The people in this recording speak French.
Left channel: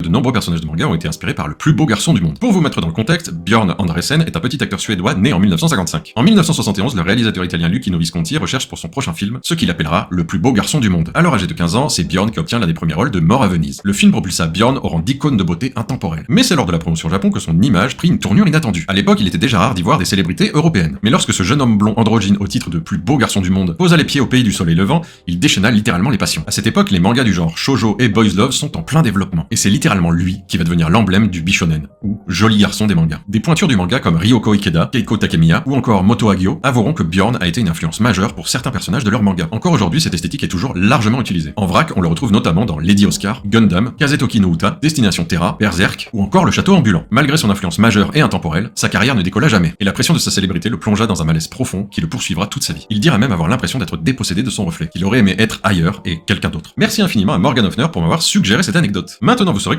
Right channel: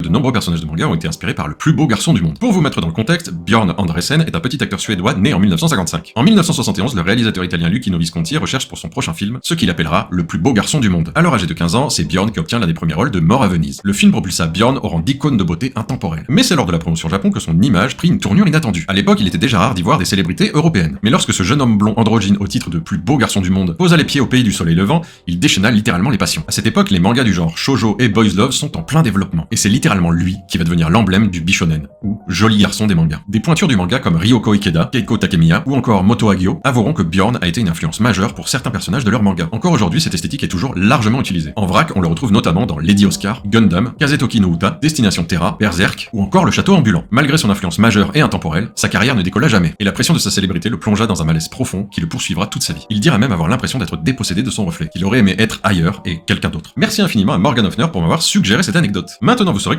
De nombreux personnages de manga ont été inspirés par le plus beau garçon du monde. Pour vous mettre dans le contexte, Björn Andresen est un petit acteur suédois né en 1955. En 1971, le réalisateur italien Luchino Visconti recherche pour son prochain film ce qu'il appellera le plus beau garçon du monde. Alors âgé de 15 ans, c'est Björn qui obtient l'un des premiers rôles de Mort à Venise. Le film propulsa Björn au rang d'icône de beauté intemporelle. Mais c'est lors de la promotion au Japon que son image prit une tournure inattendue. À l'époque, il était déjà rare d'y voir des célébrités européennes. Mais lorsque ce jeune homme blond androgyne au titre de plus beau garçon du monde posa les pieds au pays du soleil levant, il déchaîna littéralement les passions. À cette époque, les mangas du genre shoujo et boys love sont en plein développement. Et c'est littéralement lui qui va devenir l'emblème du bishonen, ou joli garçon des mangas. Des pointures du manga comme Ryoko Ikeda, Keiko Takemiya ou encore Moto Hagio avoueront que Björn a été une influence majeure pour certains personnages de leur manga. Encore aujourd'hui, cette esthétique est toujours largement utilisée. En vrac, on le retrouve notamment dans Lady Oscar, Gundam, Kazetoki no Uta, Destination Terra, Berserk ou encore Le Château Ambulant. Malgré son influence majeure et intemporelle, sa carrière ne décolla jamais, et la pression de sa célébrité le plongea dans un malaise profond qui le poursuivra toute sa vie. Il dira même avoir l'impression d'être dépossédé de son reflet, qu'il aurait aimé être ailleurs et quelqu'un d'autre. Merci infiniment à Morgan Hoffner pour m'avoir suggéré cette anecdote. Maintenant vous saurez